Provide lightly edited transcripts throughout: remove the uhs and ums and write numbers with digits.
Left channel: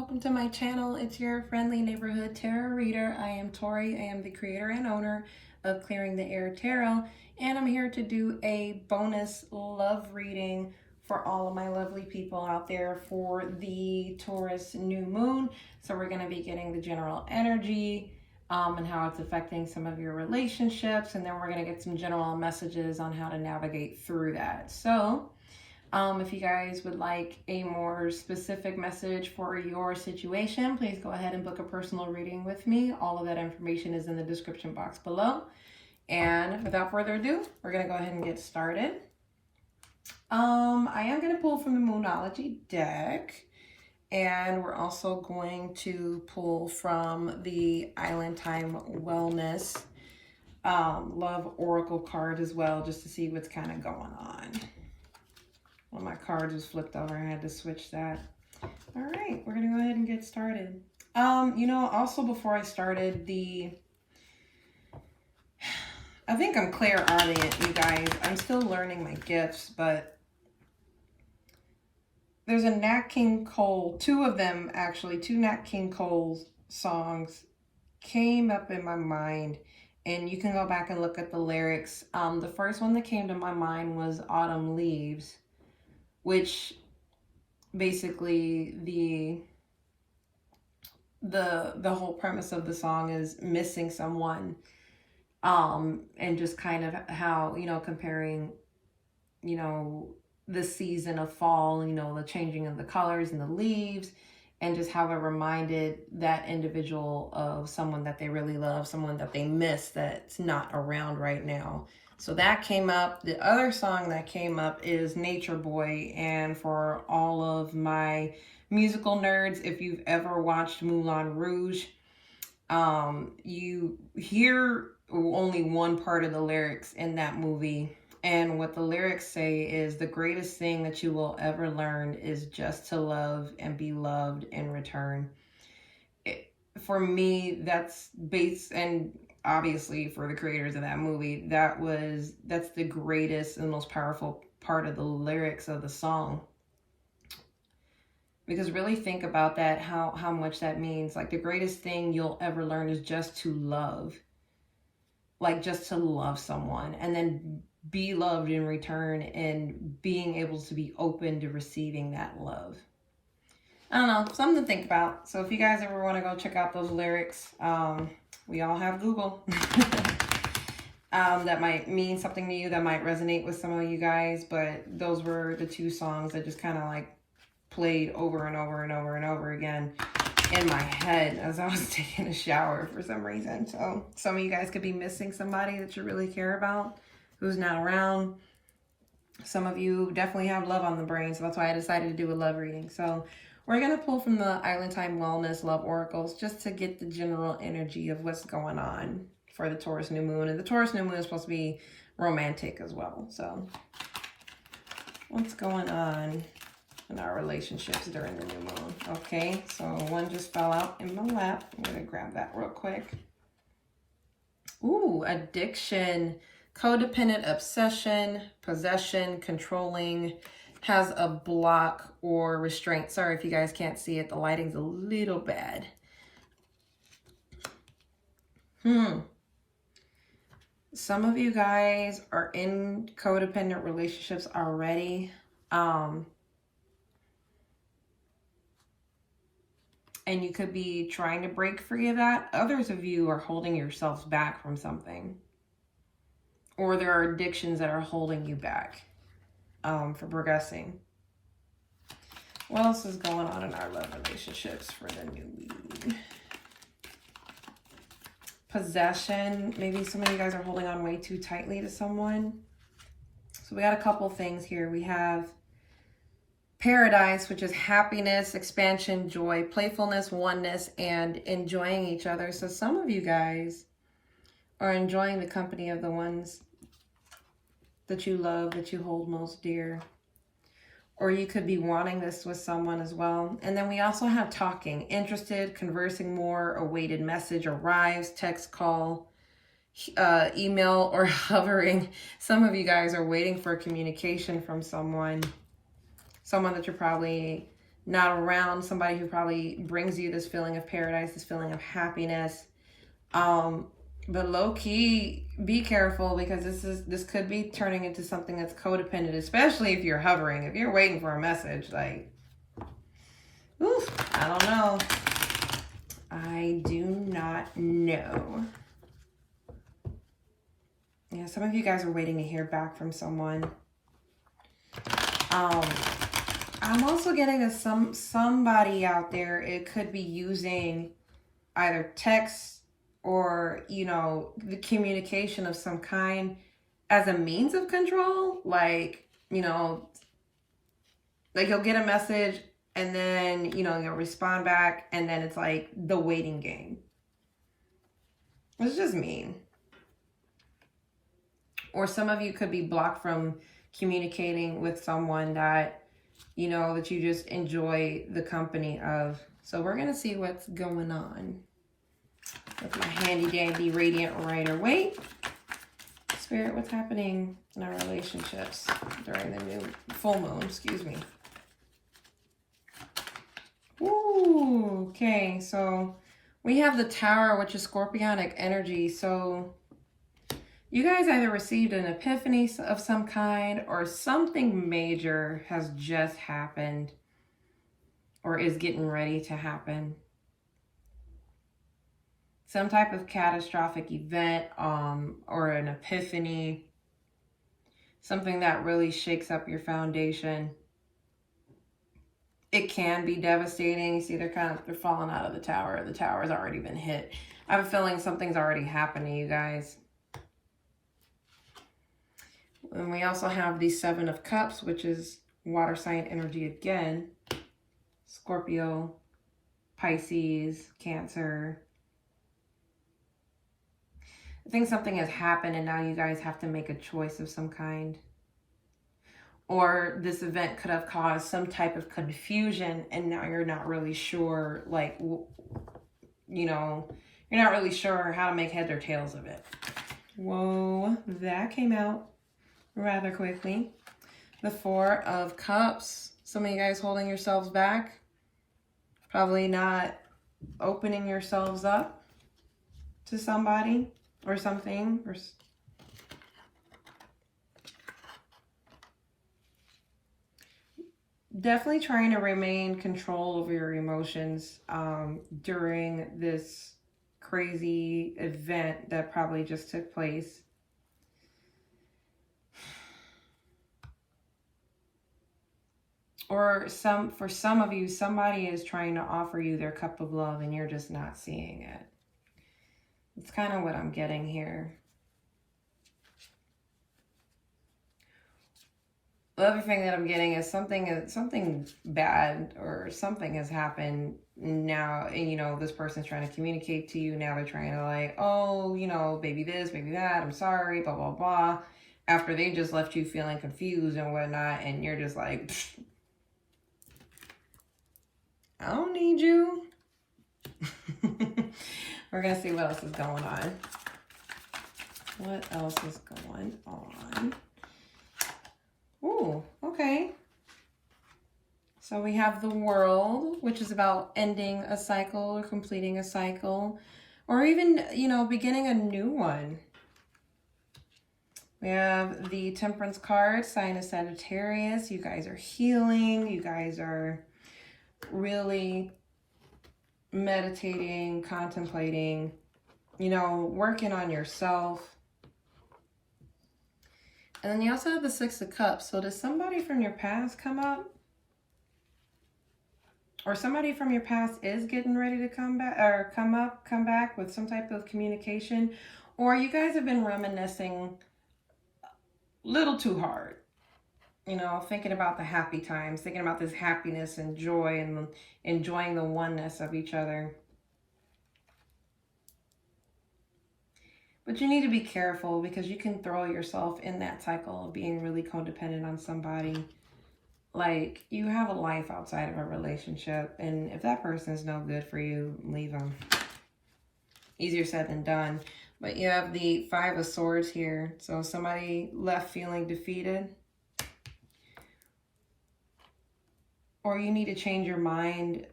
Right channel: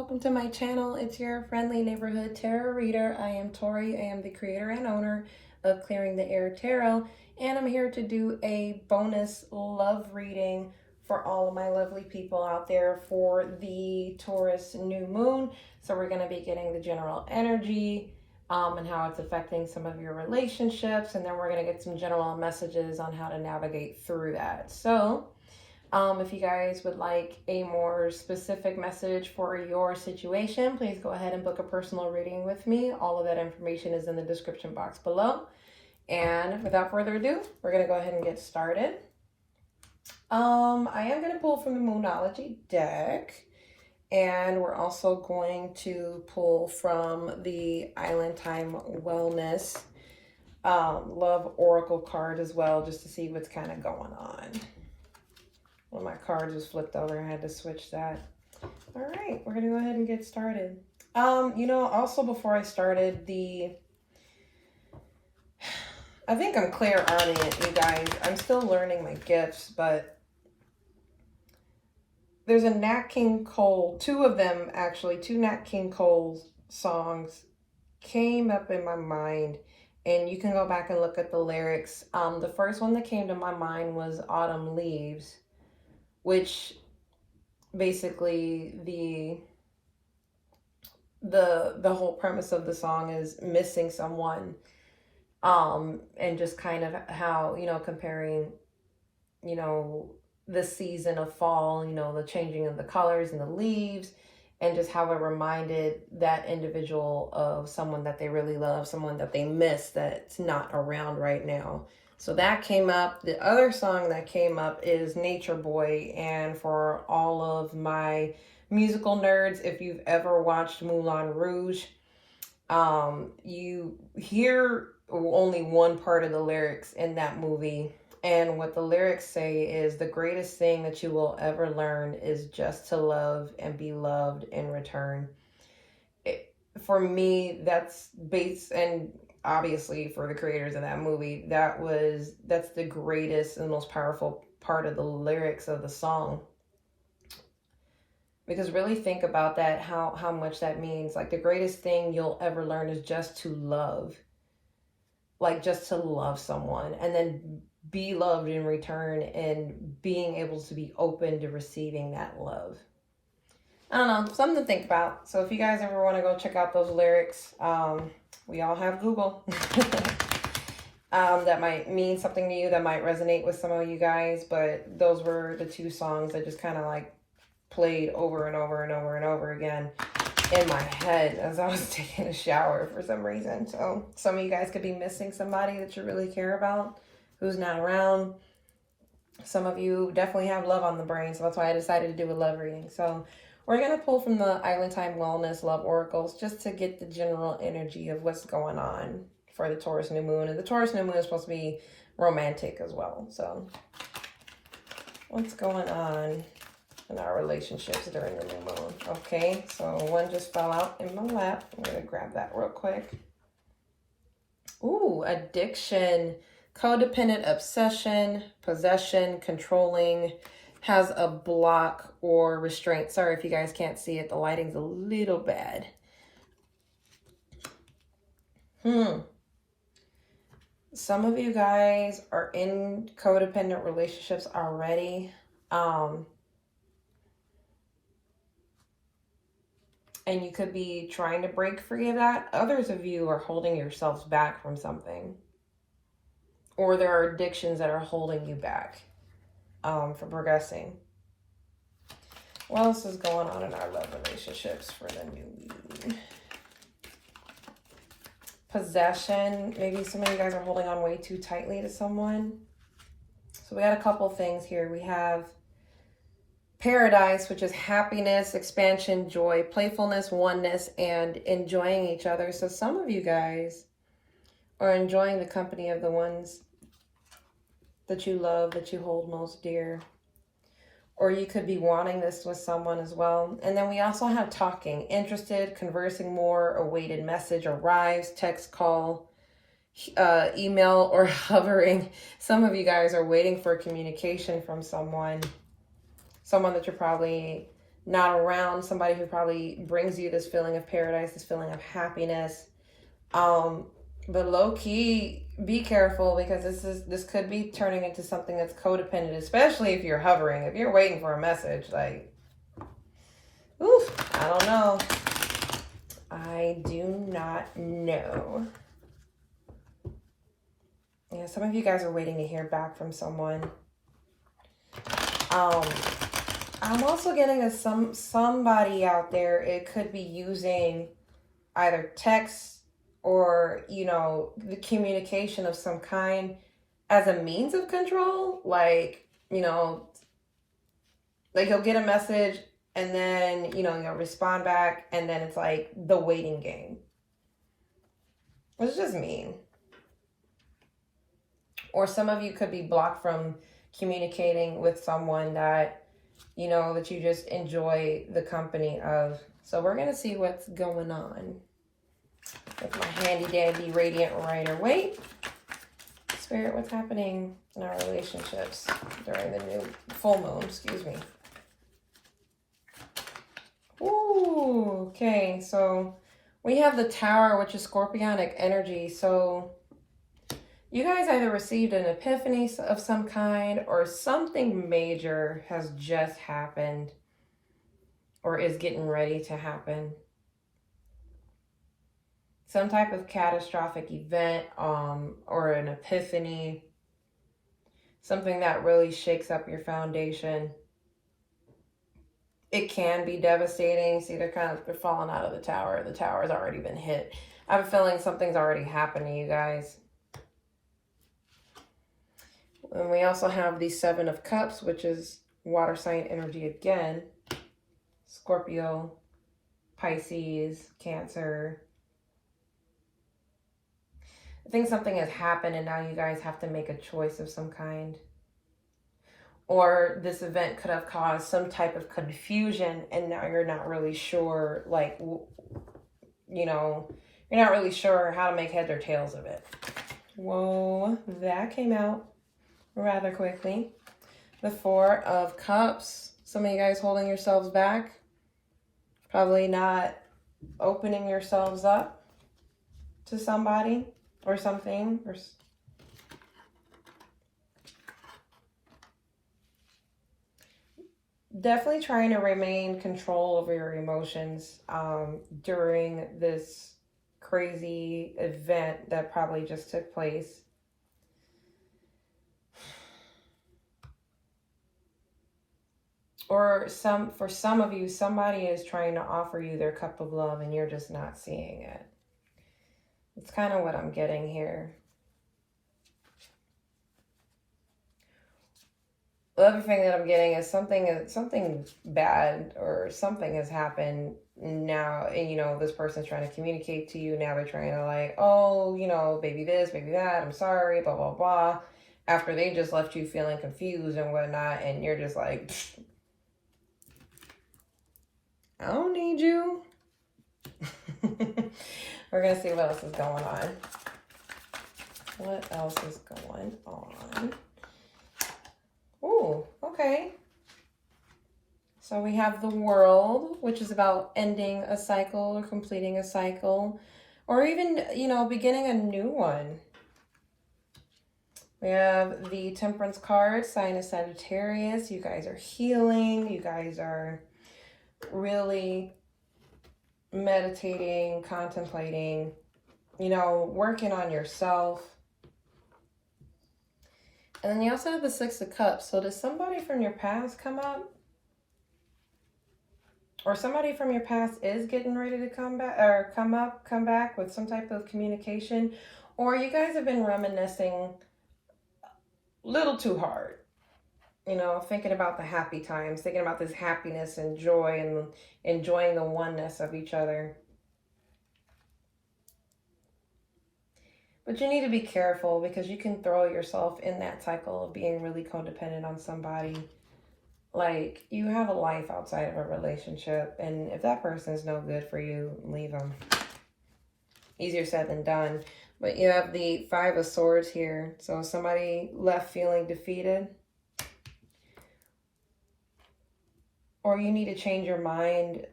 welcome to my channel. It's your friendly neighborhood tarot reader. I am Tori. I am the creator and owner of Clearing the Air Tarot, and I'm here to do a bonus love reading for all of my lovely people out there for the Taurus new moon. So we're going to be getting the general energy and how it's affecting some of your relationships, and then we're going to get some general messages on how to navigate through that. So if you guys would like a more specific message for your situation, please go ahead and book a personal reading with me. All of that information is in the description box below. And without further ado, we're going to go ahead and get started. I am going to pull from the Moonology deck. And we're also going to pull from the Island Time Wellness Love Oracle card as well, just to see what's kind of going on. Well, my card just flipped over. I had to switch that. All right, we're going to go ahead and get started. Also before I started, I think I'm clairaudient, you guys. I'm still learning my gifts, but there's a Nat King Cole, two of them actually, two Nat King Cole songs came up in my mind, and you can go back and look at the lyrics. The first one that came to my mind was Autumn Leaves, which basically the whole premise of the song is missing someone, and just kind of how, comparing, the season of fall, the changing of the colors and the leaves, and just how it reminded that individual of someone that they really love, someone that they miss that's not around right now. So that came up. The other song that came up is Nature Boy. And for all of my musical nerds, if you've ever watched Moulin Rouge, you hear only one part of the lyrics in that movie. And what the lyrics say is, the greatest thing that you will ever learn is just to love and be loved in return. For me, that's based, and obviously for the creators of that movie, that's the greatest and most powerful part of the lyrics of the song. Because really think about that, how much that means. Like, the greatest thing you'll ever learn is just to love. Like, just to love someone, and then be loved in return, and being able to be open to receiving that love. I don't know, something to think about. So if you guys ever want to go check out those lyrics, we all have Google. That might mean something to you, that might resonate with some of you guys, but those were the two songs that just kind of like played over and over and over and over again in my head as I was taking a shower for some reason. So some of you guys could be missing somebody that you really care about who's not around. Some of you definitely have love on the brain, so that's why I decided to do a love reading. So we're going to pull from the Island Time Wellness Love Oracles just to get the general energy of what's going on for the Taurus new moon. And the Taurus new moon is supposed to be romantic as well. So what's going on in our relationships during the new moon? Okay, so one just fell out in my lap. I'm going to grab that real quick. Ooh, addiction, codependent obsession, possession, controlling, has a block or restraint. Sorry if you guys can't see it. The lighting's a little bad. Some of you guys are in codependent relationships already. And you could be trying to break free of that. Others of you are holding yourselves back from something. Or there are addictions that are holding you back for progressing. What else is going on in our love relationships for the new moon? Possession. Maybe some of you guys are holding on way too tightly to someone. So we got a couple things here. We have Paradise, which is happiness, expansion, joy, playfulness, oneness, and enjoying each other. So some of you guys are enjoying the company of the ones that you love, that you hold most dear. Or you could be wanting this with someone as well. And then we also have talking, interested, conversing more, awaited message arrives, text, call, email, or hovering. Some of you guys are waiting for communication from someone that you're probably not around somebody who probably brings you this feeling of paradise, this feeling of happiness. But low key, be careful, because this could be turning into something that's codependent, especially if you're hovering, if you're waiting for a message. Like, oof, I don't know. I do not know. Yeah, some of you guys are waiting to hear back from someone. I'm also getting somebody out there, it could be using either text or, you know, the communication of some kind as a means of control. Like, you know, like you'll get a message and then, you know, you'll respond back, and then it's like the waiting game. It's just mean. Or some of you could be blocked from communicating with someone that, you know, that you just enjoy the company of. So we're going to see what's going on with my handy dandy radiant rider. Wait, Spirit, what's happening in our relationships during the new full moon? Excuse me. Ooh, okay, so we have the Tower, which is Scorpionic energy. So you guys either received an epiphany of some kind, or something major has just happened or is getting ready to happen. Some type of catastrophic event, or an epiphany, something that really shakes up your foundation. It can be devastating. See, they're falling out of the Tower. The Tower's already been hit. I have a feeling something's already happened to you guys. And we also have the Seven of Cups, which is water sign energy again. Scorpio, Pisces, Cancer. I think something has happened and now you guys have to make a choice of some kind. Or this event could have caused some type of confusion, and now you're not really sure, like, you know, you're not really sure how to make heads or tails of it. Whoa, that came out rather quickly. The Four of Cups. Some of you guys holding yourselves back. Probably not opening yourselves up to somebody or something. Or definitely trying to remain control over your emotions during this crazy event that probably just took place. Or for some of you, somebody is trying to offer you their cup of love and you're just not seeing it. It's kind of what I'm getting here. The other thing that I'm getting is something bad or something has happened now, and you know, this person's trying to communicate to you. Now they're trying to, like, oh, you know, baby this, baby that, I'm sorry, blah, blah, blah. After they just left you feeling confused and whatnot, and you're just like, I don't need you. We're going to see what else is going on. What else is going on? Ooh, okay. So we have the World, which is about ending a cycle or completing a cycle, or even, you know, beginning a new one. We have the Temperance card, sign of Sagittarius. You guys are healing. You guys are really meditating, contemplating, you know, working on yourself. And then you also have the Six of Cups. So does somebody from your past come up? Or somebody from your past is getting ready to come back, or come back with some type of communication? Or you guys have been reminiscing a little too hard. You know, thinking about the happy times, thinking about this happiness and joy and enjoying the oneness of each other. But you need to be careful, because you can throw yourself in that cycle of being really codependent on somebody. Like, you have a life outside of a relationship, and if that person is no good for you, leave them. Easier said than done. But you have the Five of Swords here. So somebody left feeling defeated. or you need to change your mind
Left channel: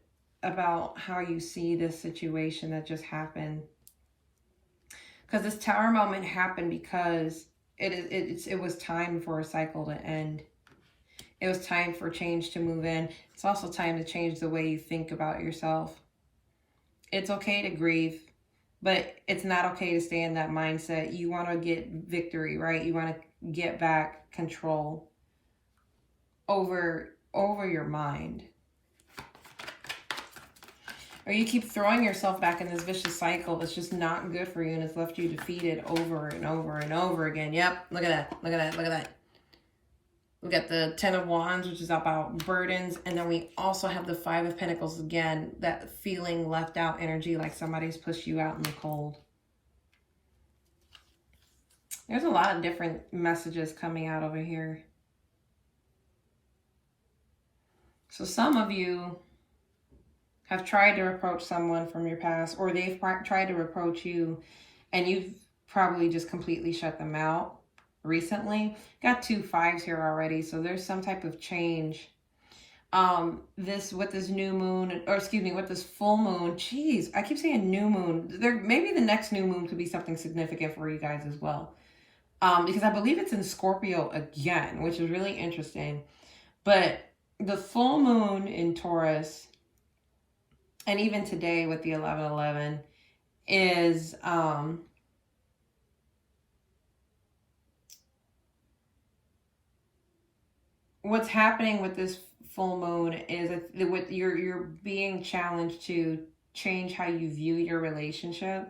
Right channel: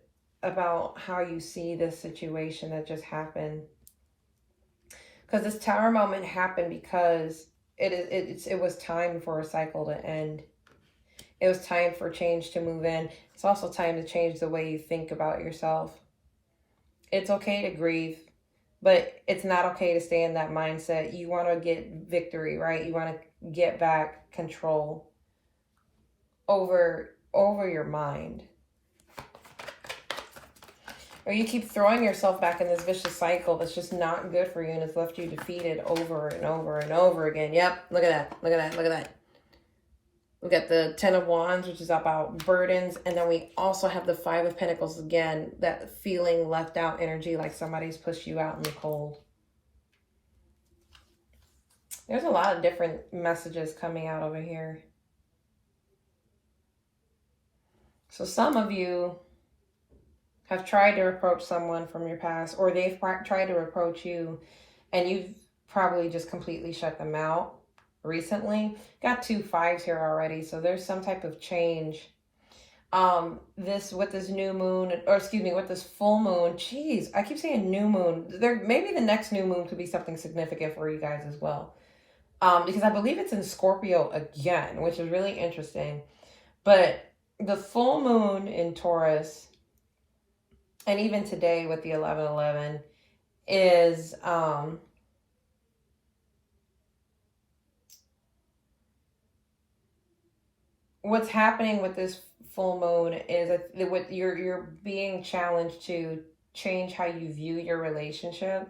about how you see this situation that just happened. Because this Tower moment happened because it was time for a cycle to end. It was time for change to move in. It's also time to change the way you think about yourself. It's okay to grieve, but it's not okay to stay in that mindset. You want to get victory, right? You want to get back control over your mind. Or you keep throwing yourself back in this vicious cycle that's just not good for you, and it's left you defeated over and over and over again. Yep, look at that, look at that, look at that. We got the 10 of Wands, which is about burdens, and then we also have the 5 of Pentacles again, that feeling left out energy, like somebody's pushed you out in the cold. There's a lot of different messages coming out over here. So some of you have tried to approach someone from your past, or they've tried to approach you, and you've probably just completely shut them out recently. Got 2 5s here already, so there's some type of change. With this new moon, or excuse me, with this full moon, jeez, I keep saying new moon. Maybe the next new moon could be something significant for you guys as well. Because I believe it's in Scorpio again, which is really interesting. But the full moon in Taurus, and even today with the 11/11, is what's happening with this full moon is that you're being challenged to change how you view your relationship.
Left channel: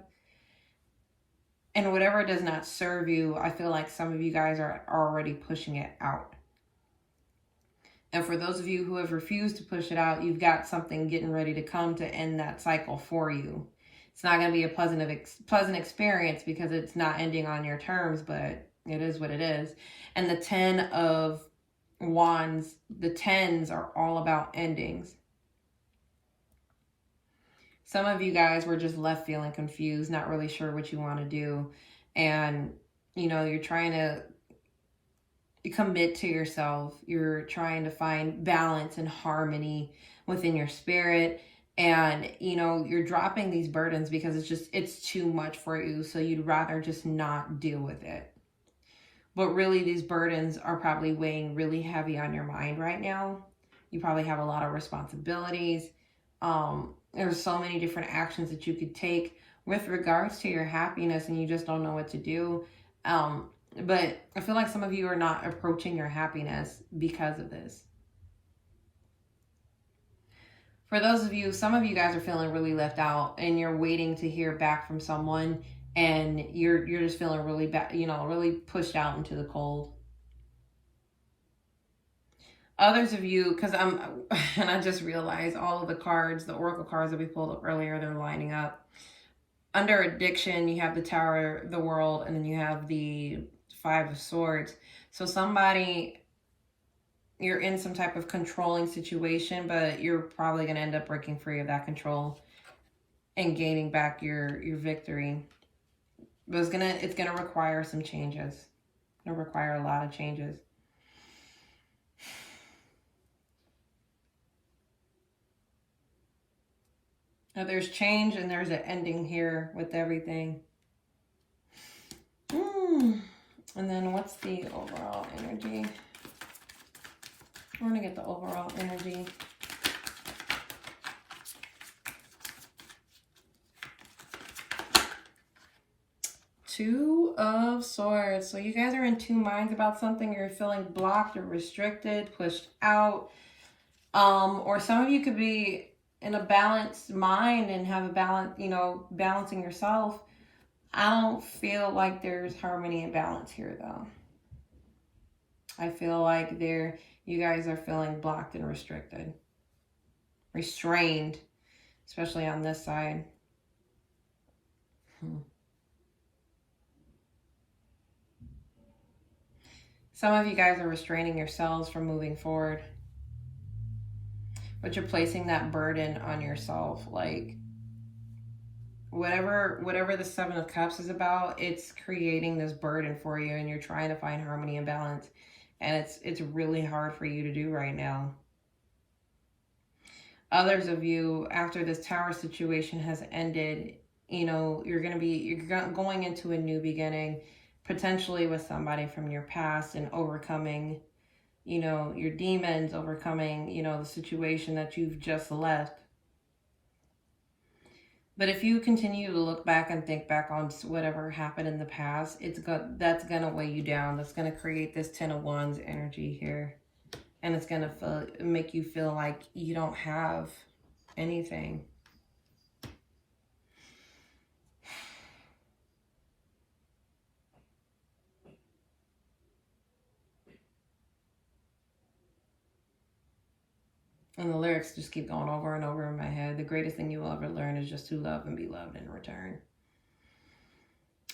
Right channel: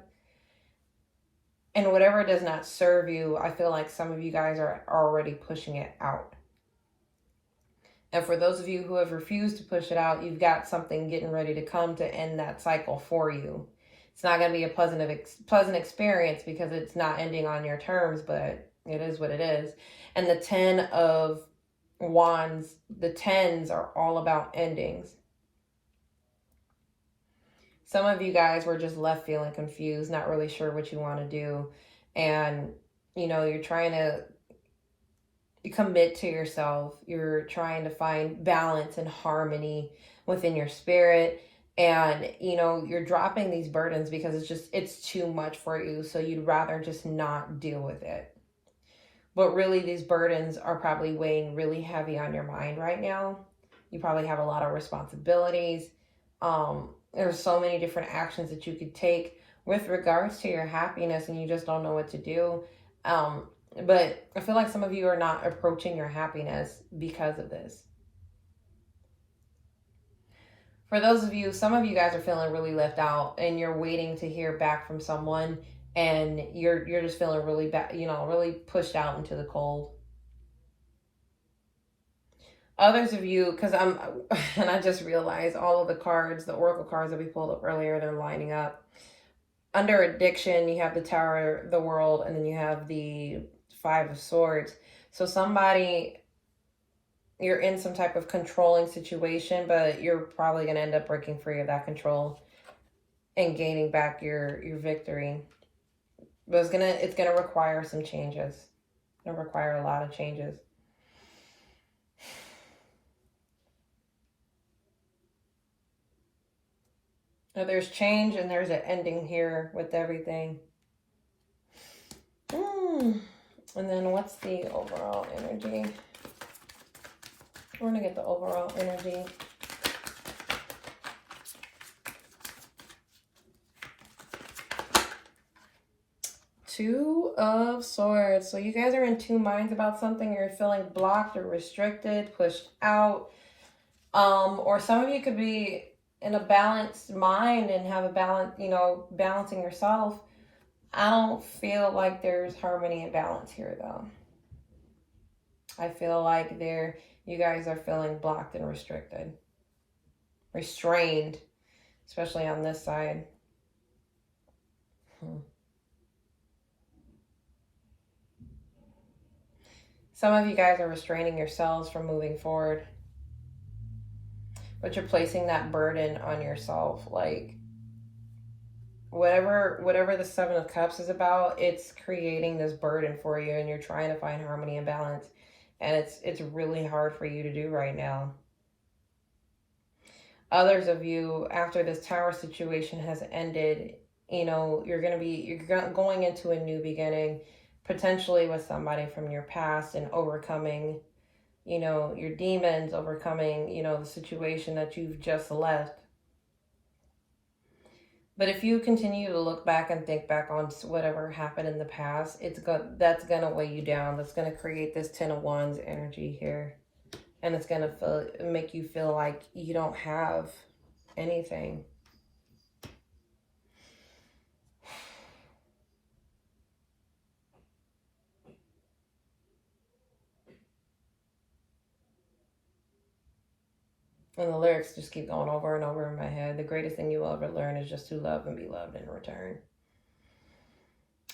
And whatever does not serve you, I feel like some of you guys are already pushing it out. And for those of you who have refused to push it out, you've got something getting ready to come to end that cycle for you. It's not going to be a pleasant experience because it's not ending on your terms, but it is what it is. And the 10 of Wands, the 10s are all about endings. Some of you guys were just left feeling confused, not really sure what you want to do. And, you know, you're trying to commit to yourself. You're trying to find balance and harmony within your spirit. And, you know, you're dropping these burdens because it's too much for you. So you'd rather just not deal with it. But really, these burdens are probably weighing really heavy on your mind right now. You probably have a lot of responsibilities. There's so many different actions that you could take with regards to your happiness, and you just don't know what to do. But I feel like some of you are not approaching your happiness because of this. For those of you, some of you guys are feeling really left out, and you're waiting to hear back from someone, and you're just feeling really bad, you know, really pushed out into the cold. Others of you, because and I just realized all of the cards, the oracle cards that we pulled up earlier, they're lining up. Under addiction, you have the Tower, the World, and then you have the 5 of Swords. So somebody, you're in some type of controlling situation, but you're probably going to end up breaking free of that control and gaining back your victory. But it's gonna require some changes. It's gonna require a lot of changes. Now there's change and there's an ending here with everything. And then what's the overall energy? We're gonna get the overall energy. Two of Swords. So you guys are in 2 minds about something. You're feeling blocked or restricted, pushed out. Or some of you could be in a balanced mind and have a balance, you know, balancing yourself. I don't feel like there's harmony and balance here, though. I feel like you guys are feeling blocked and restricted. Restrained, especially on this side. Some of you guys are restraining yourselves from moving forward. But you're placing that burden on yourself. Like, whatever the 7 of Cups is about, it's creating this burden for you, and you're trying to find harmony and balance. And it's really hard for you to do right now. others of you, after this tower situation has ended, you know, you're going into a new beginning, potentially with somebody from your past, and overcoming, you know, your demons, overcoming, you know, the situation that you've just left. But if you continue to look back and think back on whatever happened in the past, that's gonna weigh you down. That's gonna create this Ten of Wands energy here, and it's gonna make you feel like you don't have anything. And the lyrics just keep going over and over in my head. The greatest thing you will ever learn is just to love and be loved in return.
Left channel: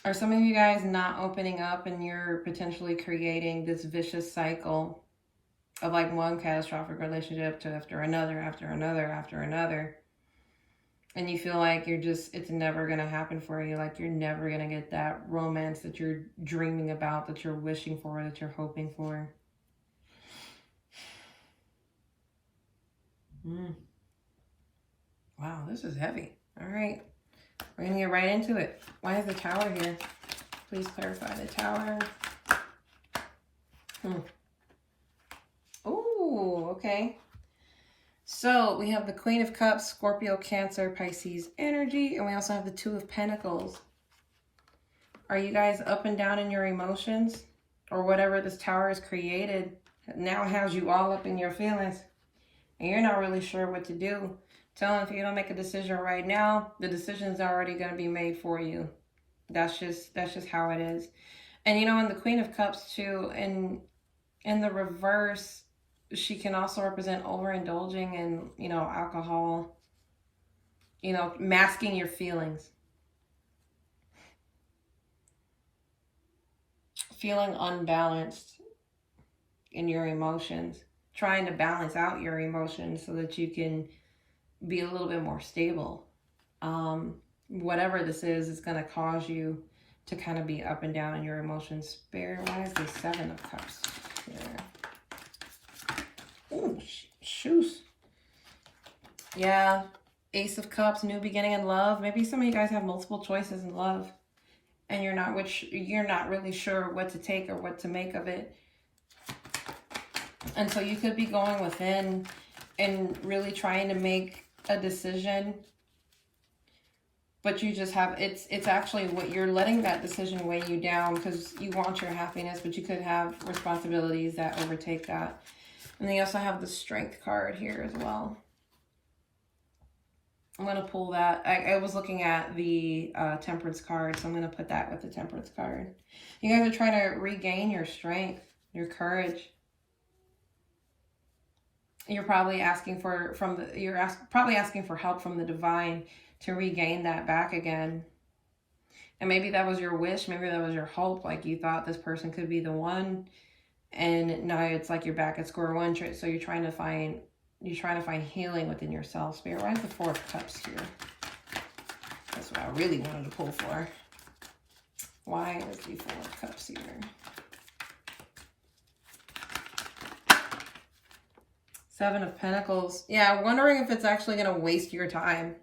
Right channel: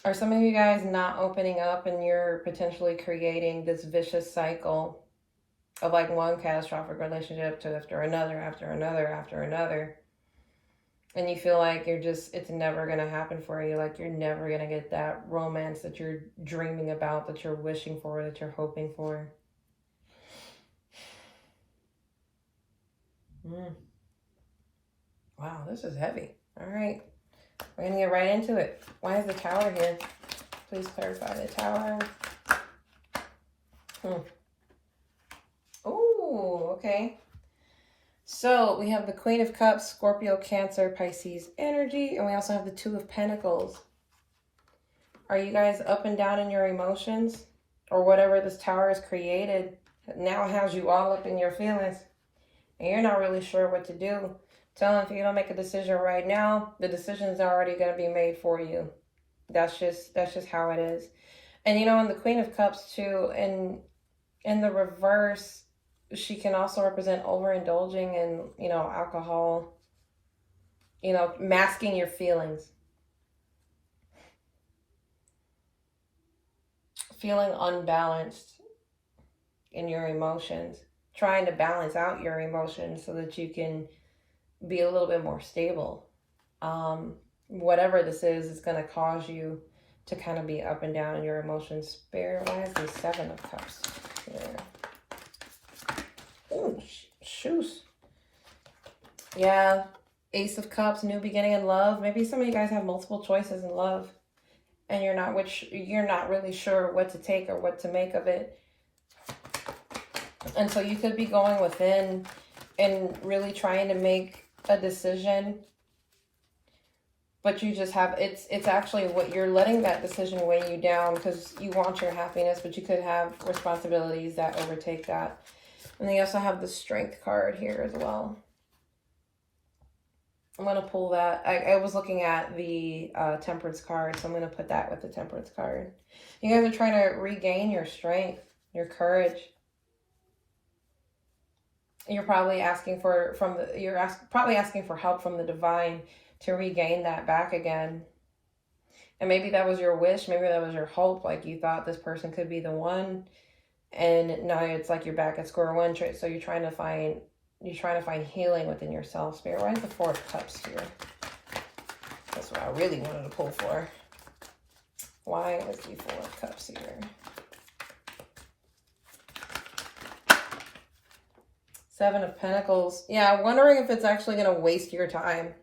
Are some of you guys not opening up, and you're potentially creating this vicious cycle of like one catastrophic relationship to after another, after another, after another? And you feel like it's never going to happen for you. Like you're never going to get that romance that you're dreaming about, that you're wishing for, that you're hoping for. Wow, this is heavy. All right. We're going to get right into it. Why is the Tower here? Please clarify the Tower. Oh, okay. So we have the Queen of Cups, Scorpio, Cancer, Pisces energy, and we also have the Two of Pentacles. Are you guys up and down in your emotions? Or whatever this Tower has created now has you all up in your feelings, and you're not really sure what to do. Tell them, if you don't make a decision right now, the decision's already going to be made for you. That's just how it is. And you know, in the Queen of Cups too, in the reverse, she can also represent overindulging in, you know, alcohol, you know, masking your feelings. Feeling unbalanced in your emotions. Trying to balance out your emotions so that you can be a little bit more stable. Whatever this is going to cause you to kind of be up and down in your emotions. Spirit, why is the Seven of Cups here? Oh, shoes. Yeah, Ace of Cups, new beginning in love. Maybe some of you guys have multiple choices in love, and you're not really sure what to take or what to make of it. And so you could be going within and really trying to make a decision, but you just have, it's actually what you're letting that decision weigh you down because you want your happiness, but you could have responsibilities that overtake that. And they also have the Strength card here as well. I'm going to pull that. I was looking at the Temperance card, so I'm going to put that with the Temperance card. You guys are trying to regain your strength, your courage. You're probably asking for probably asking for help from the divine to regain that back again. And maybe that was your wish, maybe that was your hope, like you thought this person could be the one, and now it's like you're back at square one. So you're trying to find healing within yourself. Spirit, why is the Four of Cups here? That's what I really wanted to pull for. Why is the Four of Cups here? Seven of Pentacles. Yeah, wondering if it's actually going to waste your time.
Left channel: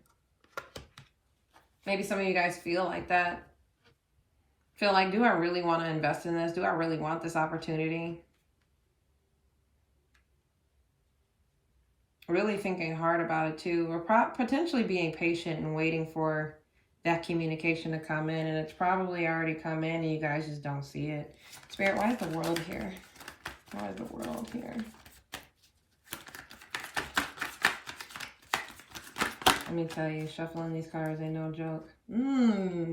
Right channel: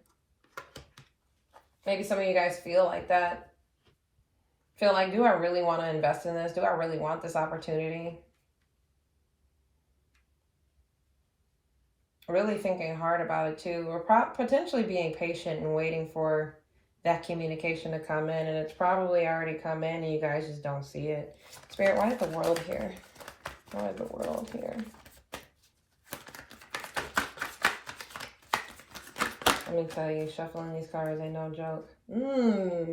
Maybe some of you guys feel like that. Feel like, do I really want to invest in this? Do I really want this opportunity? Really thinking hard about it too. Or potentially being patient and waiting for that communication to come in. And it's probably already come in and you guys just don't see it. Spirit, why is the World here? Why is the World here? Let me tell you, shuffling these cards ain't no joke.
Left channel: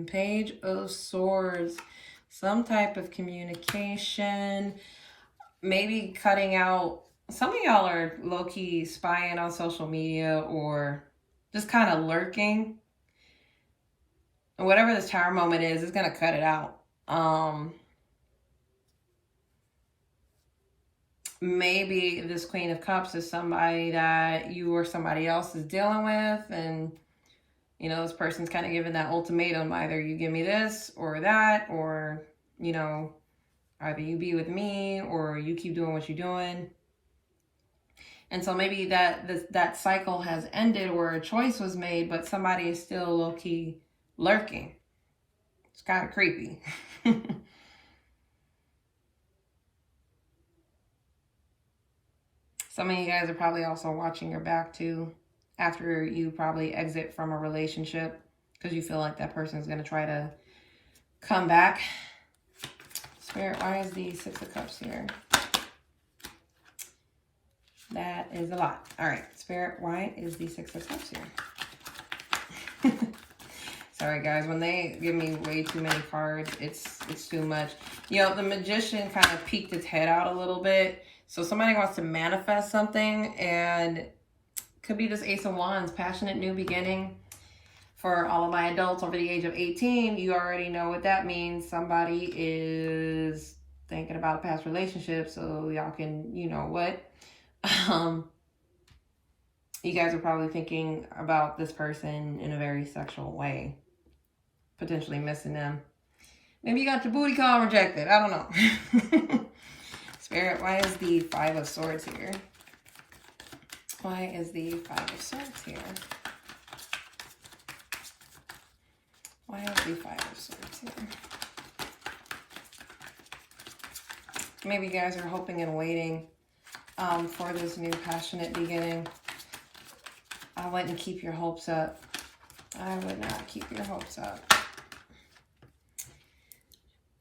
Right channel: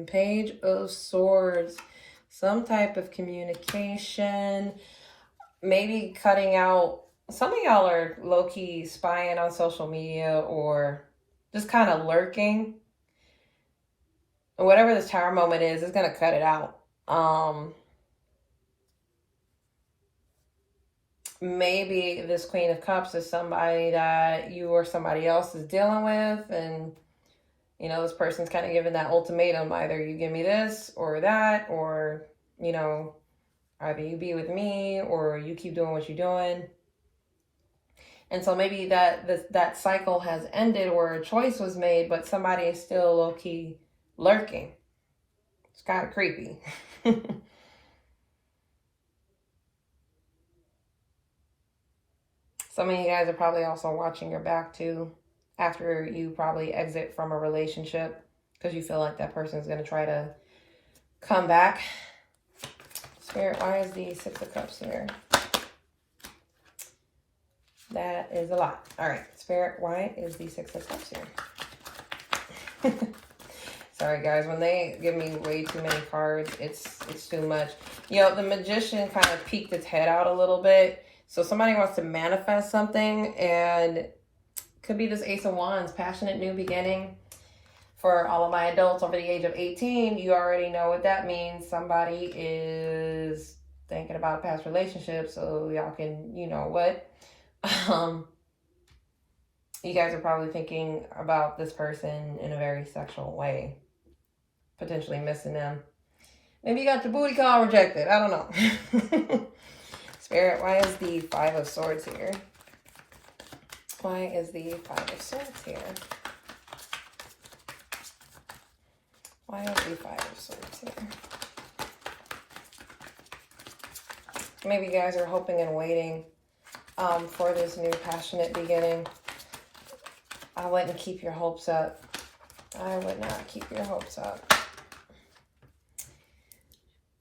Page of Swords. Some type of communication. Maybe cutting out. Some of y'all are low-key spying on social media or just kind of lurking. And whatever this Tower moment is, it's going to cut it out. Maybe this Queen of Cups is somebody that you or somebody else is dealing with, and you know, this person's kind of giving that ultimatum: either you give me this or that, or you know, either you be with me or you keep doing what you're doing. And so maybe that cycle has ended where a choice was made, but somebody is still low-key lurking. It's kind of creepy. Some of you guys are probably also watching your back too after you probably exit from a relationship because you feel like that person is going to try to come back. Spirit, why is the Six of Cups here? That is a lot. All right, Spirit, why is the Six of Cups here? Sorry, guys. When they give me way too many cards, it's too much. You know, the Magician kind of peeked its head out a little bit. So somebody wants to manifest something, and could be this Ace of Wands, passionate new beginning. For all of my adults over the age of 18, you already know what that means. Somebody is thinking about a past relationship, so y'all can, you know what. You guys are probably thinking about this person in a very sexual way, potentially missing them. Maybe you got your booty call rejected. I don't know. Spirit, why is the Five of Swords here? Why is the Five of Swords here? Why is the Five of Swords here? Maybe you guys are hoping and waiting for this new passionate beginning. I wouldn't keep your hopes up. I would not keep your hopes up.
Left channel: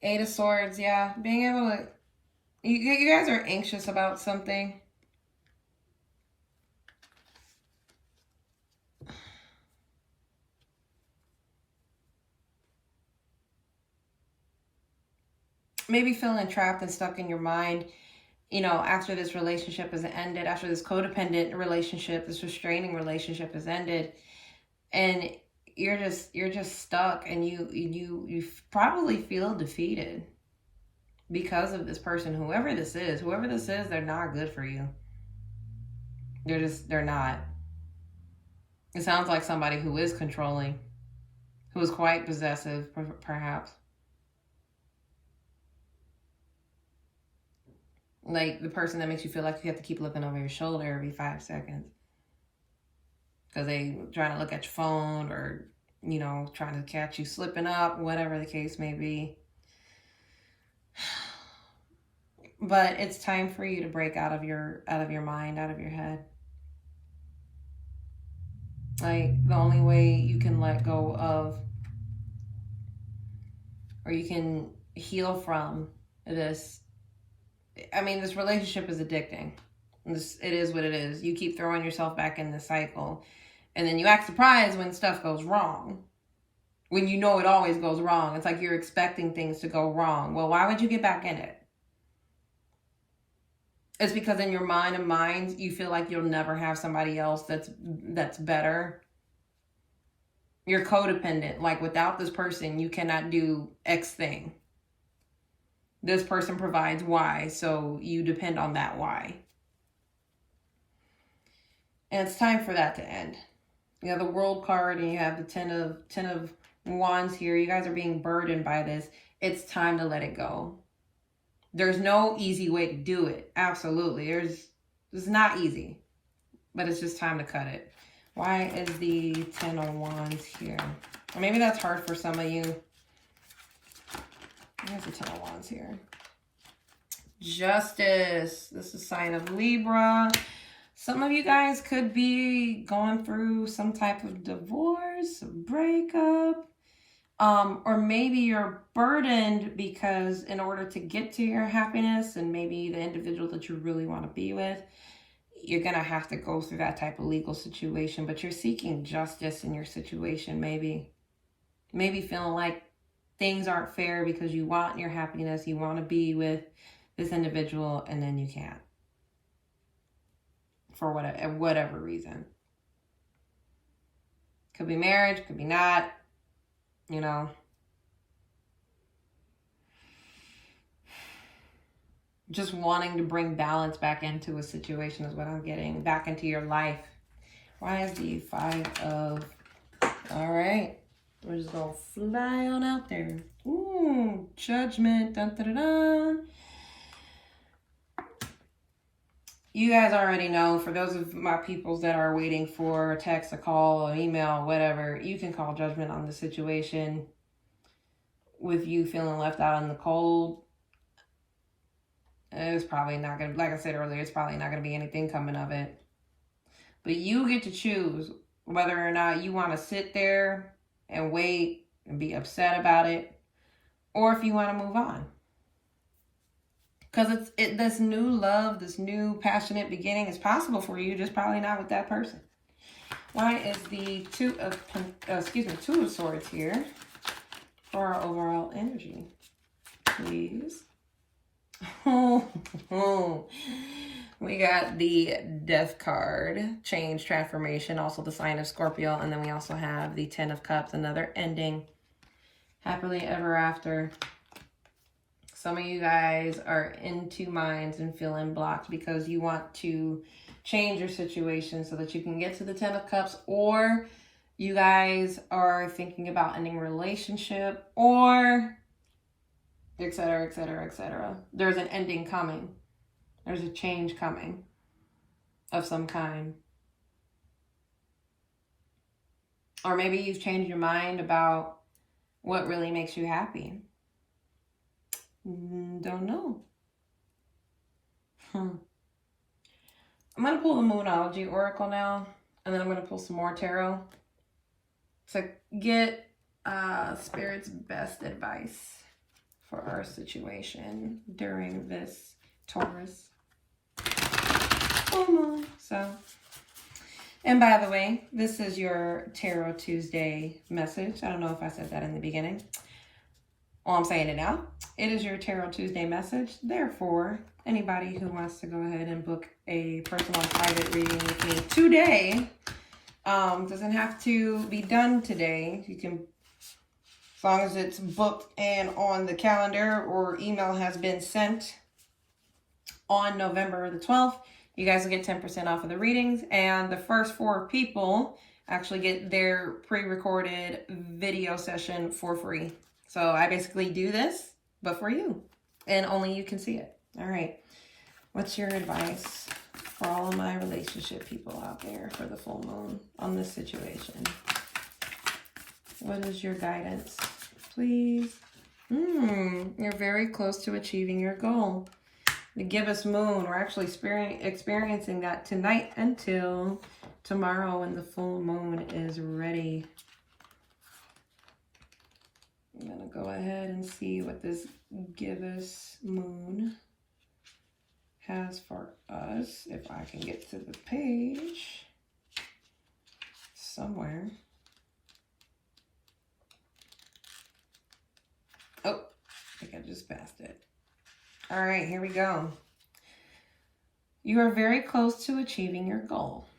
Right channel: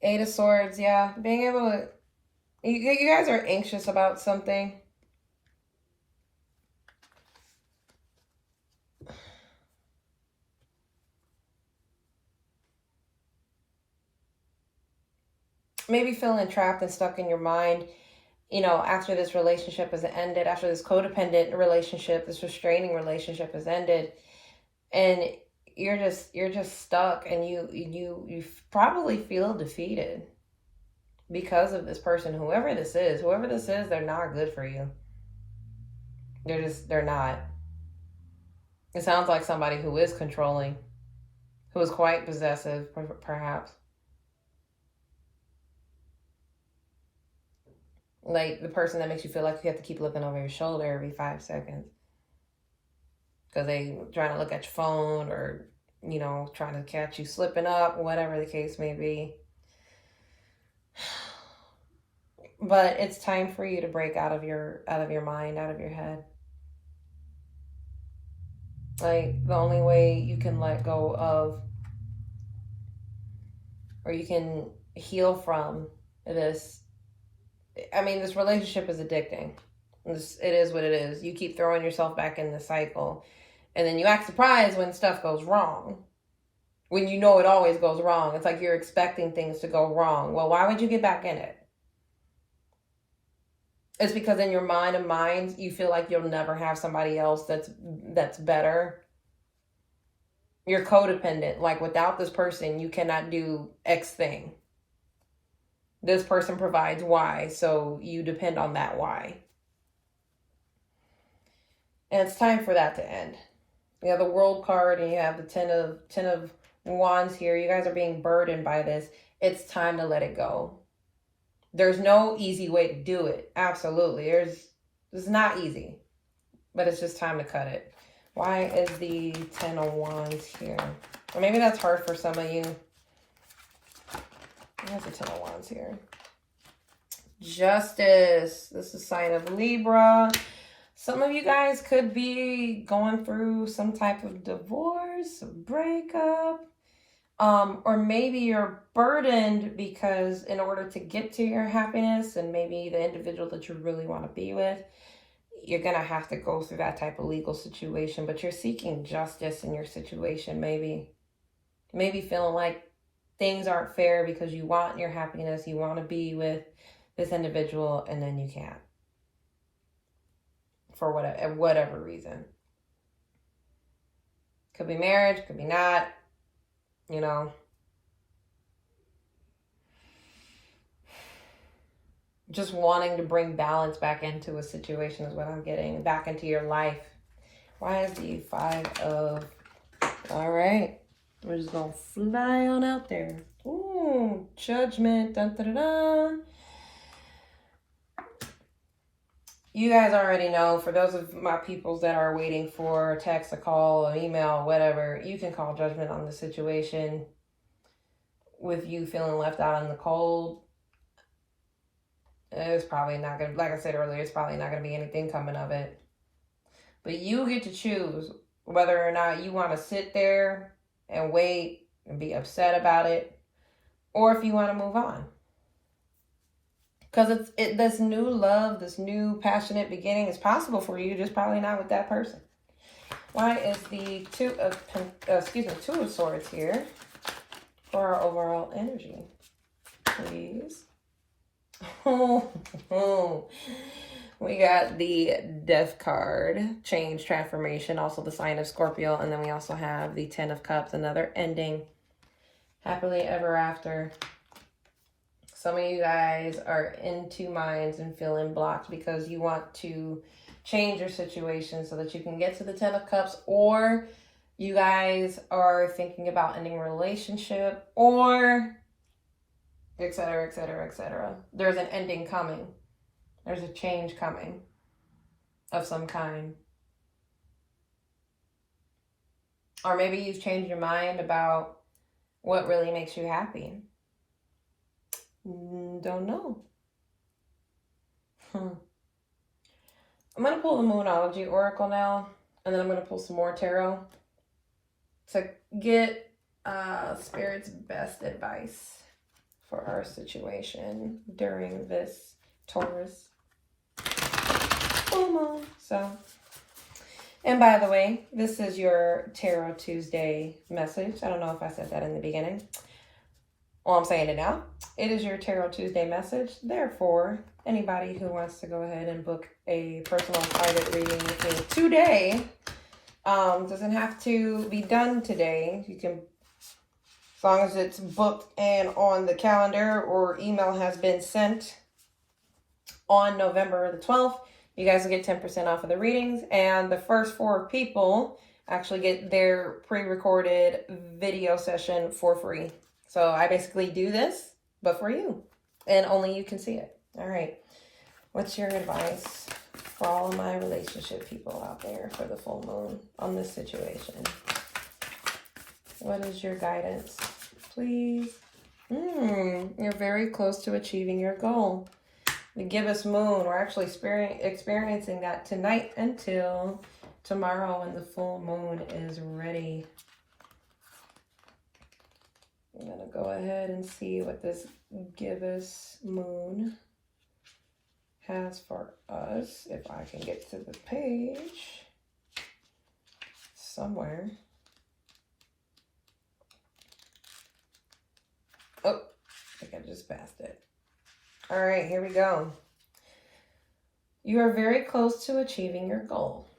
Eight of Swords, yeah. Being able to... You guys are anxious about something. Maybe feeling trapped and stuck in your mind, you know, after this relationship has ended, after this codependent relationship, this restraining relationship has ended, and you're just stuck, and you probably feel defeated because of this person, whoever this is, they're not good for you. They're not. It sounds like somebody who is controlling, who is quite possessive, perhaps. Like the person that makes you feel like you have to keep looking over your shoulder every 5 seconds. Because they trying to look at your phone, or, you know, trying to catch you slipping up, whatever the case may be. But it's time for you to break out of your mind, out of your head. Like, the only way you can let go of, or you can heal from this, I mean, this relationship is addicting. It is what it is. You keep throwing yourself back in the cycle, and then you act surprised when stuff goes wrong. When you know it always goes wrong. It's like you're expecting things to go wrong. Well, why would you get back in it? It's because in your mind of minds, you feel like you'll never have somebody else that's better. You're codependent. Like, without this person, you cannot do X thing. This person provides Y, so you depend on that Y. And it's time for that to end. You have the World card, and you have the Ten of Wands here. You guys are being burdened by this. It's time to let it go. There's no easy way to do it. Absolutely. It's not easy. But it's just time to cut it. Why is the Ten of Wands here? Or maybe that's hard for some of you. Where's the Ten of Wands here? Justice. This is a sign of Libra. Some of you guys could be going through some type of divorce, a breakup. Or maybe you're burdened because in order to get to your happiness and maybe the individual that you really want to be with, you're going to have to go through that type of legal situation. But you're seeking justice in your situation, maybe. Maybe feeling like things aren't fair because you want your happiness, you want to be with this individual, and then you can't. For whatever reason. Could be marriage, could be not. You know. Just wanting to bring balance back into a situation is what I'm getting. Back into your life. Why is the Five of... All right. We're just going to fly on out there. Ooh, Judgment. Dun, dun, dun, dun. You guys already know, for those of my peoples that are waiting for a text, a call, an email, whatever, you can call judgment on the situation with you feeling left out in the cold. It's probably not going to, like I said earlier, it's probably not going to be anything coming of it. But you get to choose whether or not you want to sit there and wait and be upset about it, or if you want to move on. Because this new love, this new passionate beginning is possible for you, just probably not with that person. Why is the Two of Swords here for our overall energy, please? We got the Death card, change, transformation, also the sign of Scorpio, and then we also have the Ten of Cups, another ending, happily ever after. Some of you guys are in two minds and feeling blocked because you want to change your situation so that you can get to the Ten of Cups, or you guys are thinking about ending a relationship, or etc., etc., etc. There's an ending coming. There's a change coming of some kind. Or maybe you've changed your mind about what really makes you happy. Don't know. I'm going to pull the Moonology Oracle now, and then I'm going to pull some more tarot to get Spirit's best advice for our situation during this Taurus. So, and by the way, this is your Tarot Tuesday message. I don't know if I said that in the beginning. Well, I'm saying it now. It is your Tarot Tuesday message. Therefore, anybody who wants to go ahead and book a personal private reading with me today, doesn't have to be done today. You can, as long as it's booked and on the calendar or email has been sent on November the 12th, you guys will get 10% off of the readings. And the first 4 people actually get their pre-recorded video session for free. So I basically do this, but for you. And only you can see it. All right. What's your advice for all of my relationship people out there for the full moon on this situation? What is your guidance, please? You're very close to achieving your goal. The gibbous moon, we're actually experiencing that tonight until tomorrow when the full moon is ready. I'm going to go ahead and see what this gibbous moon has for us. If I can get to the page somewhere. Oh, I think I just passed it. All right, here we go. You are very close to achieving your goal.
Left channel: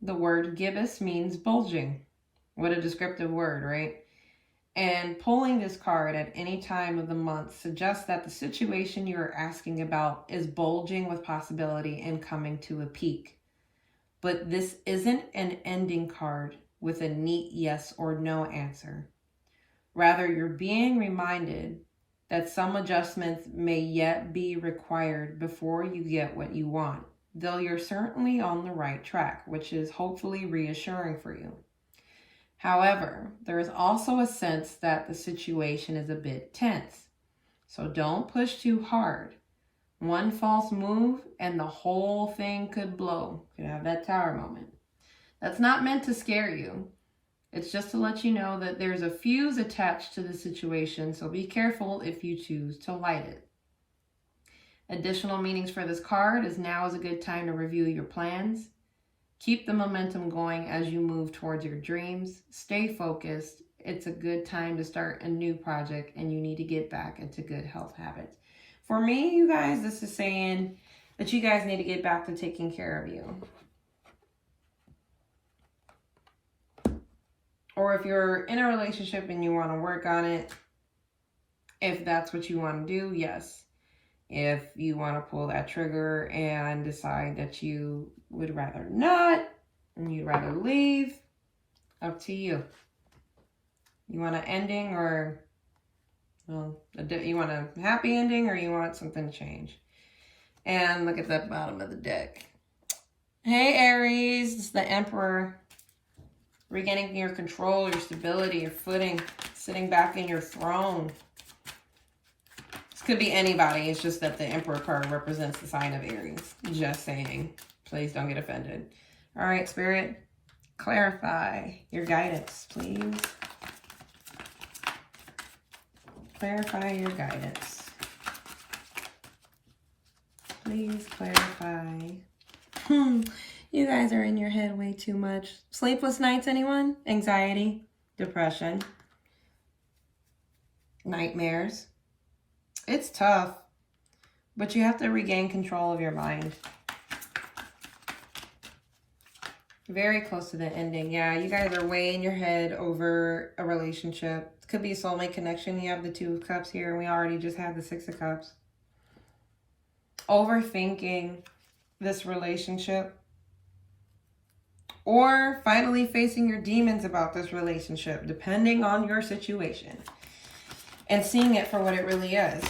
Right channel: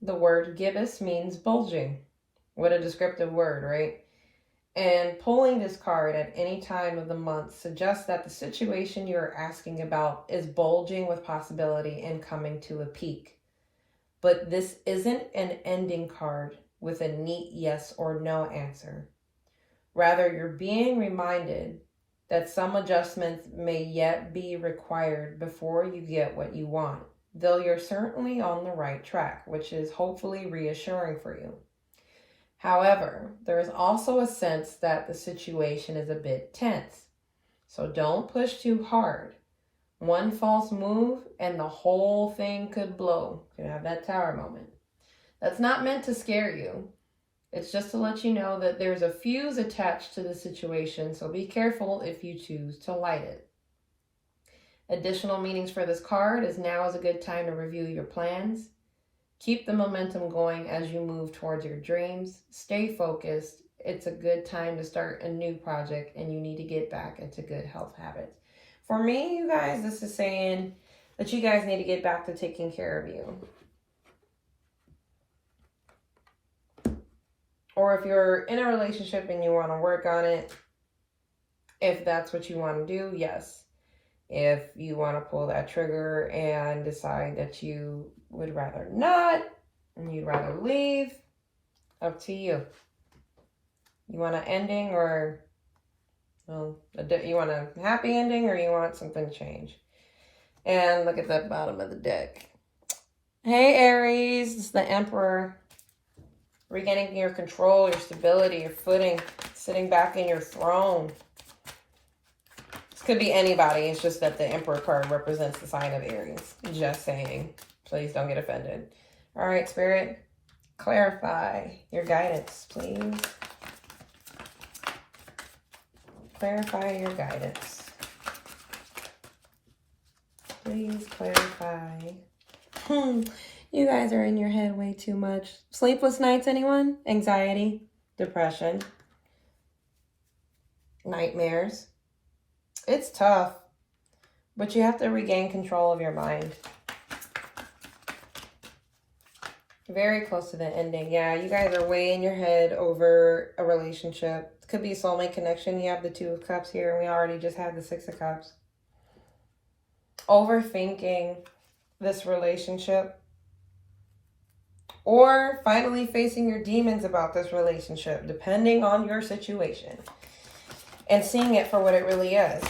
The word gibbous means bulging. What a descriptive word, right? And pulling this card at any time of the month suggests that the situation you're asking about is bulging with possibility and coming to a peak. But this isn't an ending card with a neat yes or no answer. Rather, you're being reminded that some adjustments may yet be required before you get what you want, though you're certainly on the right track, which is hopefully reassuring for you. However, there is also a sense that the situation is a bit tense, so don't push too hard. One false move and the whole thing could blow. You could have that tower moment. That's not meant to scare you. It's just to let you know that there's a fuse attached to the situation, so be careful if you choose to light it. Additional meanings for this card is now is a good time to review your plans. Keep the momentum going as you move towards your dreams. Stay focused. It's a good time to start a new project and you need to get back into good health habits. For me, you guys, this is saying that you guys need to get back to taking care of you. Or if you're in a relationship and you want to work on it, if that's what you want to do, yes. If you want to pull that trigger and decide that you would rather not, and you'd rather leave, up to you. You want an ending or you want a happy ending or you want something to change? And look at the bottom of the deck. Hey, Aries. It's the Emperor. Regaining your control, your stability, your footing. Sitting back in your throne. This could be anybody. It's just that the Emperor card represents the sign of Aries. Just saying. Please don't get offended. All right, Spirit. Clarify your guidance, please. Clarify your guidance. Please clarify. You guys are in your head way too much. Sleepless nights, anyone? Anxiety, depression, nightmares. It's tough, but you have to regain control of your mind. Very close to the ending. Yeah, you guys are way in your head over a relationship. It could be a soulmate connection. You have the 2 of Cups here, and we already just had the 6 of Cups. Overthinking this relationship. Or finally facing your demons about this relationship, depending on your situation. And seeing it for what it really is.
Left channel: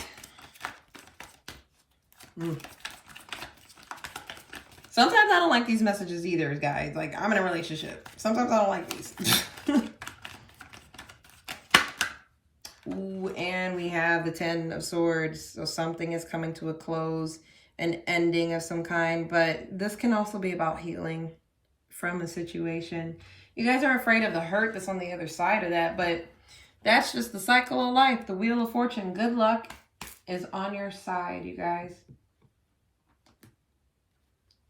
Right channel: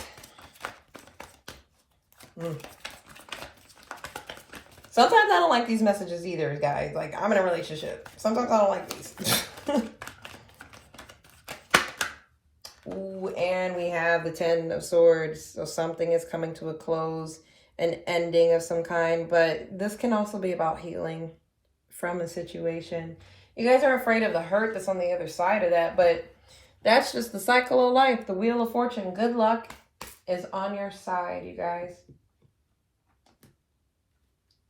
Sometimes I don't like these messages either, guys. Like, I'm in a relationship. Sometimes I don't like these. Ooh, and we have the 10 of Swords. So something is coming to a close. An ending of some kind. But this can also be about healing from a situation. You guys are afraid of the hurt that's on the other side of that. But that's just the cycle of life. The Wheel of Fortune. Good luck is on your side, you guys.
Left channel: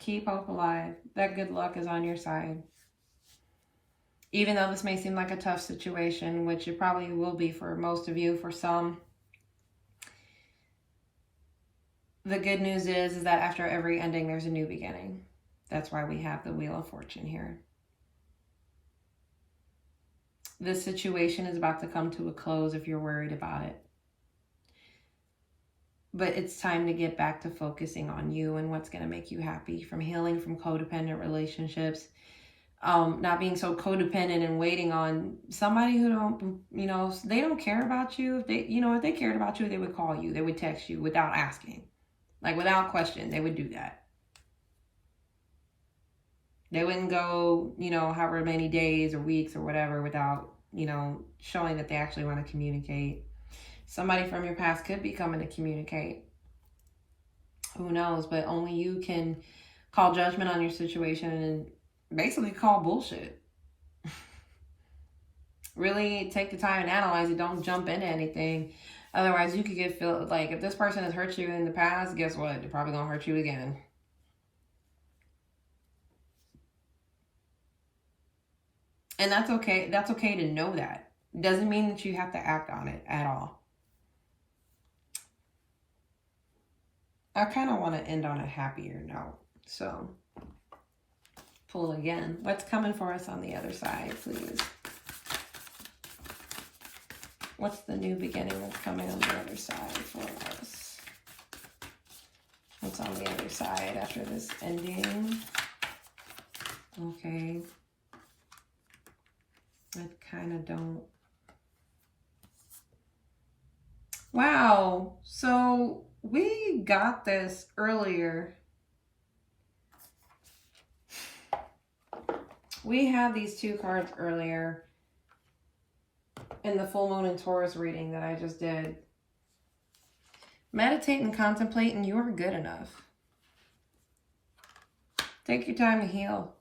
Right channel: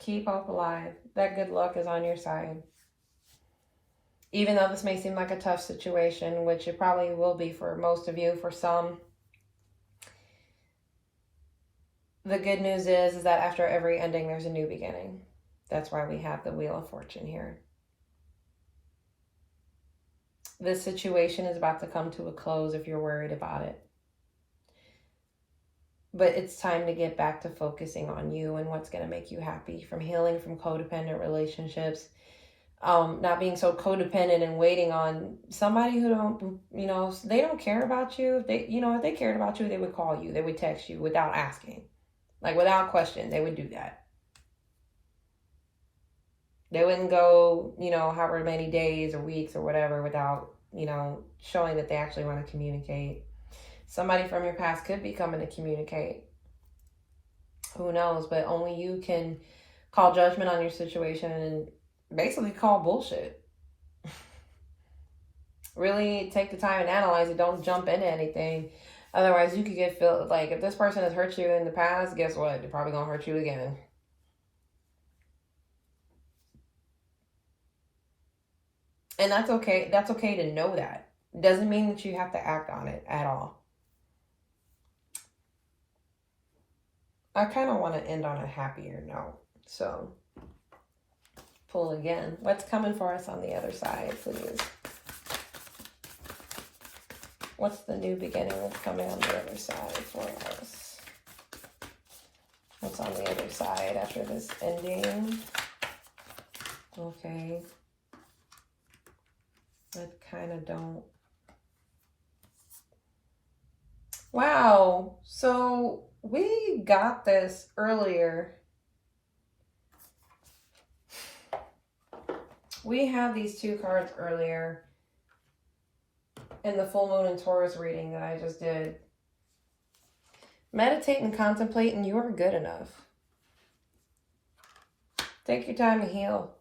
Keep hope alive. That good luck is on your side. Even though this may seem like a tough situation, which it probably will be for most of you, for some. The good news is that after every ending, there's a new beginning. That's why we have the Wheel of Fortune here. This situation is about to come to a close if you're worried about it. But it's time to get back to focusing on you and what's going to make you happy. From healing from codependent relationships. Not being so codependent and waiting on somebody who don't, they don't care about you. If they cared about you, they would call you. They would text you without asking. Like, without question, they would do that. They wouldn't go, however many days or weeks or whatever without, showing that they actually want to communicate. Somebody from your past could be coming to communicate. Who knows? But only you can call judgment on your situation and basically call bullshit. Really take the time and analyze it. Don't jump into anything. Otherwise, you could get feel like if this person has hurt you in the past, guess what? They're probably going to hurt you again. And that's okay. That's okay to know that. It doesn't mean that you have to act on it at all. I kind of want to end on a happier note. So, pull again. What's coming for us on the other side, please? What's the new beginning that's coming on the other side for us? What's on the other side after this ending? Okay. I kind of don't. Wow. So we got this earlier. We have these 2 cards earlier in the full moon and Taurus reading that I just did. Meditate and contemplate, and you are good enough. Take your time to heal.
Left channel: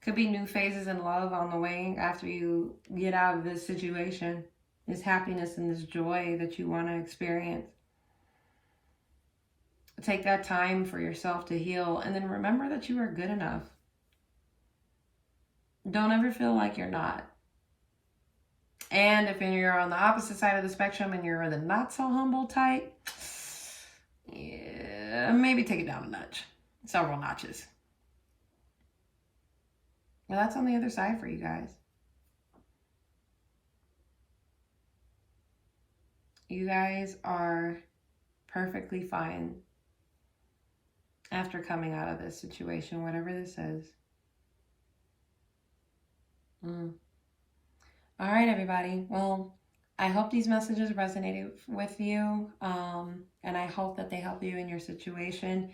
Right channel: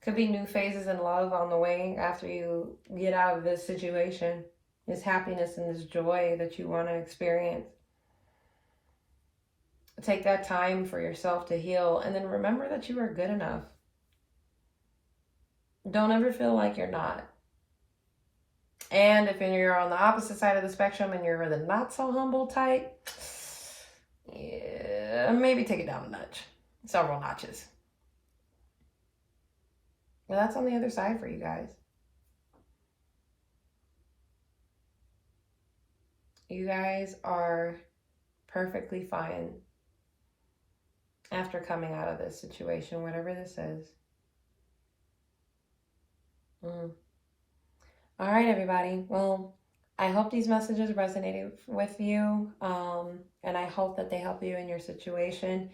Could be new phases in love on the way after you get out of this situation. This happiness and this joy that you want to experience. Take that time for yourself to heal, and then remember that you are good enough. Don't ever feel like you're not. And if you're on the opposite side of the spectrum and you're the not so humble type, yeah, maybe take it down a notch. Several notches. Well, that's on the other side for you guys. You guys are perfectly fine after coming out of this situation, whatever this is. All right, everybody. Well, I hope these messages resonated with you, and I hope that they help you in your situation.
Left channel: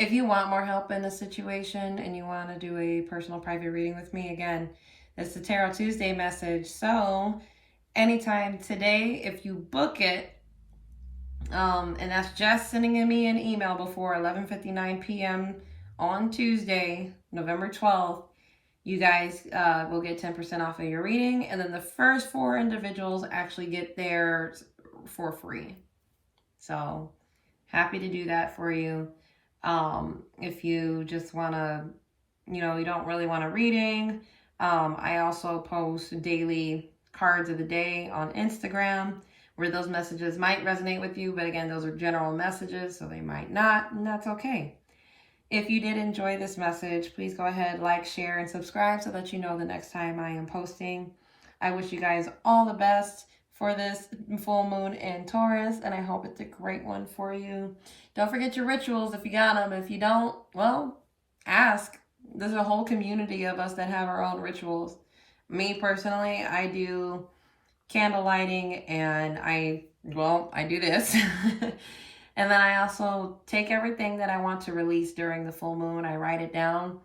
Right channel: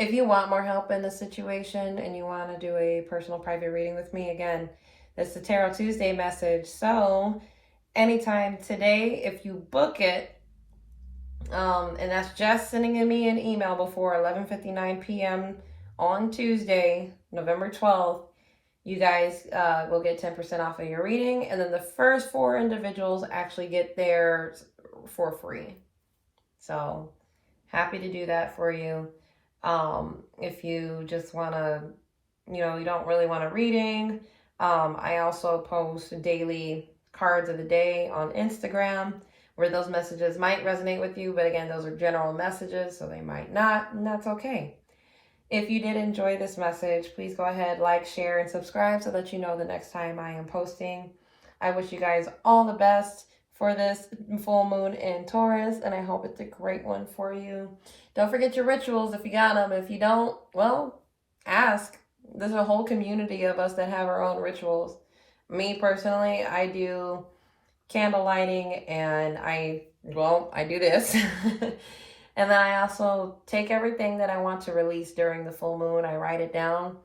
If you want more help in the situation and you want to do a personal private reading with me, again, it's the Tarot Tuesday message. So anytime today, if you book it, and that's just sending me an email before 11:59 p.m. on Tuesday, November 12th, you guys will get 10% off of your reading. And then the first 4 individuals actually get theirs for free. So happy to do that for you. If you just want to, you don't really want a reading, I also post daily cards of the day on Instagram where those messages might resonate with you. But again, those are general messages, so they might not, and that's okay. If you did enjoy this message, please go ahead, like, share, and subscribe so that you know the next time I am posting. I wish you guys all the best for this full moon in Taurus, and I hope it's a great one for you. Don't forget your rituals if you got them. If you don't, well, ask. There's a whole community of us that have our own rituals. Me personally, I do candle lighting, and I do this. And then I also take everything that I want to release during the full moon. I write it down.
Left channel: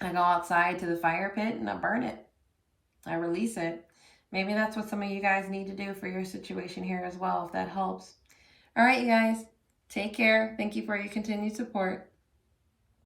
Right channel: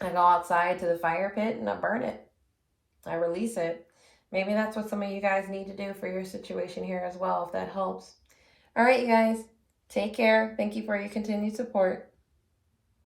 I go outside to the fire pit and I burn it. I release it. Maybe that's what some of you guys need to do for your situation here as well, if that helps. All right, you guys. Take care. Thank you for your continued support.